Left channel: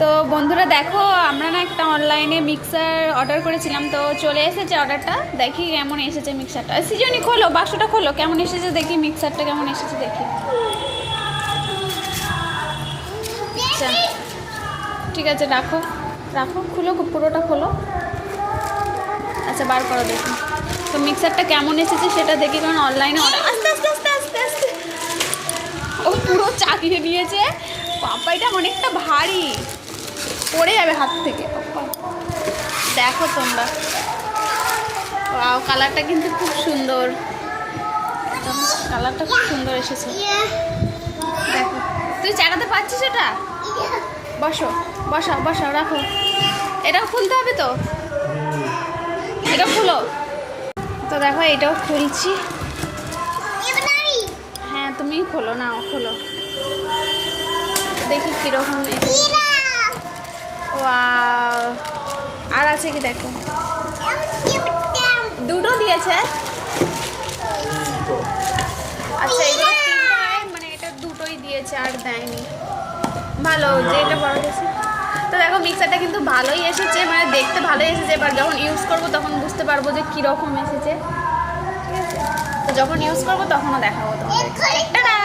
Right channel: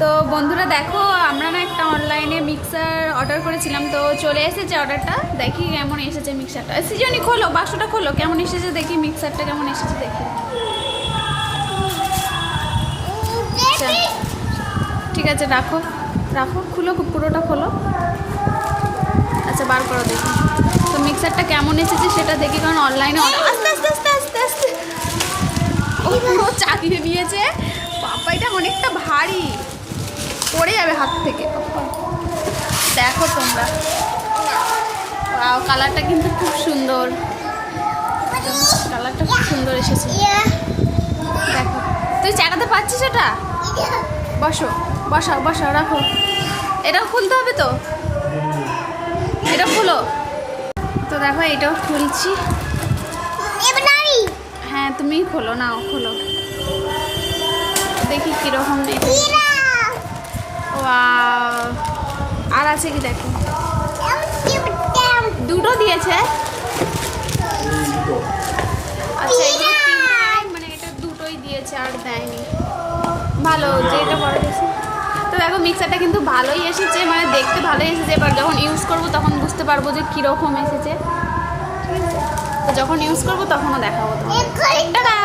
তো বন্ধুরা দেখো, আমরা না একটা অনলাইনে মিক্সার অর্ডার করেছিলাম, তো চলে এসেছে অর্ডারটা। দেখি কেমন এসেছে মিক্সারটা। সৃজনী খোলো, বাক্সটা খোলো, কেমন এসেছে দেখি, মিক্সারটা কেমন এসেছে দেখি। আচ্ছা ঠিক আছে, রাখো রাখো, খুলো, পুরোটা খোলো। আচ্ছা বার করো দেখি তো মিক্সারটা কেমন এসেছে সেটা দেখি, কারণ অনলাইনে অর্ডার। আস্তে আস্তে আস্তে আস্তে আস্তে, ও পুরো চাকিয়ে নিয়েছে। বাবা এটা অনেকটা ভারী, পড়ে যাবে হাত থেকে। দেখো তোমরা, ওয়াও, কালারটা কিন্তু খুব সুন্দর, কালারটা খুব সুন্দর এসেছে। দেখো, তুই চাকাতে পারছিস এটা? বসো, বসাও বসাও, রাখো। এটাও খুলতে হবে তো, এটা খুলো তো। দেখো এটাও খুলছি। হ্যাঁ তুমি খোলো, নাও খোলো দেখি কীরকম। ওয়াও, আর আছে কি দেখো, দুটো দিয়েছে। আচ্ছা এগুলো তিনটা, মানে এটা দুটোই দিয়েছে আর দেয়নি। ভালো যে এটা বড় দিয়েছে। তো দেখো মিক্সারটা কিন্তু ভালোই এসেছে, মানে দেখতে ভালোই এসেছে। এবার যখন ইউজ করব তখন বুঝতে পারবো যে কীরকম এসেছে। তো যখন ইউজ করবো তখনও দেখাবো তোমাদের। টাটা।